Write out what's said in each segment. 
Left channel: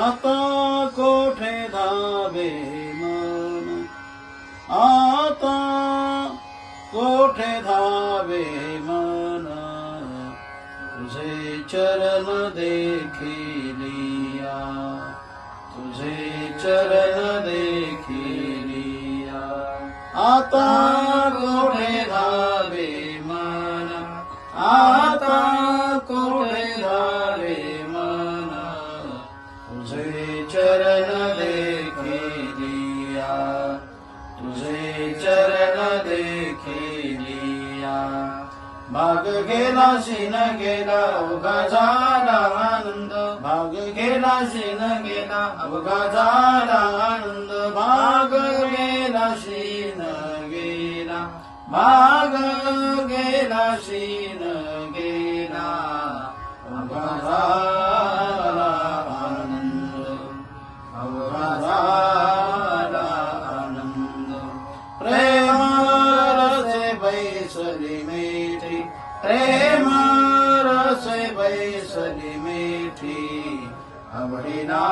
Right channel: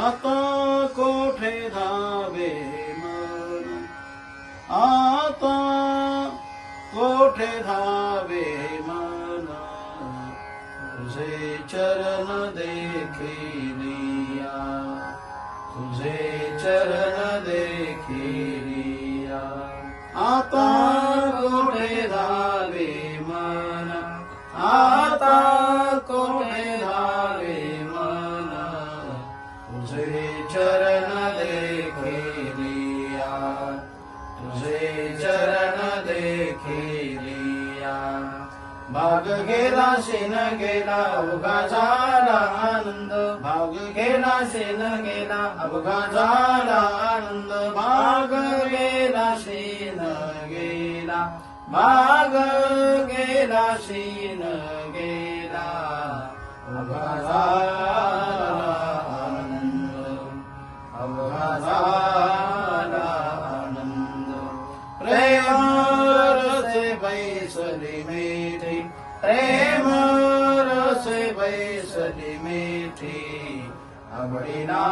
आता कोठे धावे मन, आता कोठे धावे मन, तुझे चरण देखिलिया, तुझे चरण देखिलिया. आता कोठे धावे मन, आता कोठे धावे मन, तुझे चरण देखिलिया, तुझे चरण देखिलिया. भाग गेला शीन गेला अवघा झाला आनंद, भाग गेला शीन गेला अवघा झाला आनंद. भाग गेला शीन गेला, भाग गेला शीन गेला अवघा झाला आनंद, अवघा झाला आनंद. प्रेम रसे बैसली मीठी, प्रेम रसे बैसली मीठी, आवडीला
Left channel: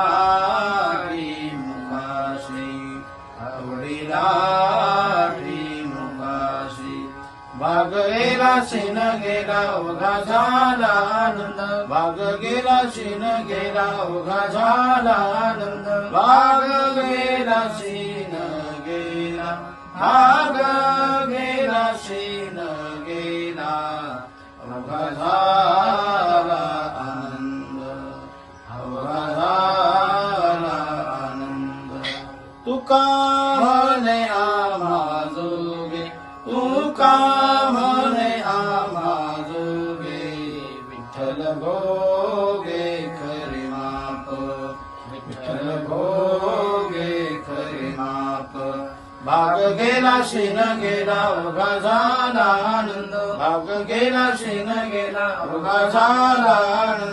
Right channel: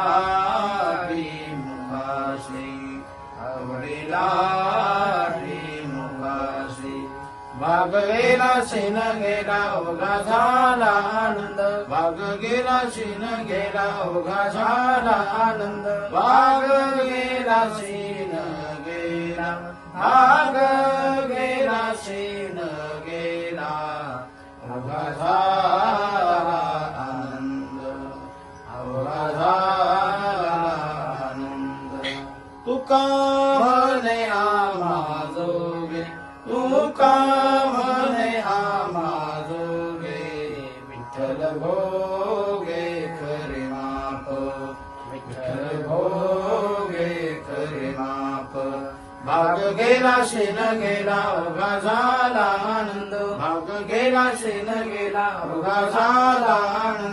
मुखाशी, आवडीला मुखाशी. भाग गेला शीन गेला अवघा झाला आनंद, भाग गेला शीन गेला अवघा झाला आनंद. भाग गेला शीन गेला, भाग गेला शीन गेला अवघा झाला आनंद, अवघा झाला आनंद. तुका म्हणे आम्हा जोगे, तुका म्हणे आम्हा जोगे, विठ्ठल भोगे करी माप, विठ्ठल भोगे करी माप. भाग गेला शीन गेला अवघा झाला आनंद, भाग गेला शीन गेला अवघा झाला आनंद.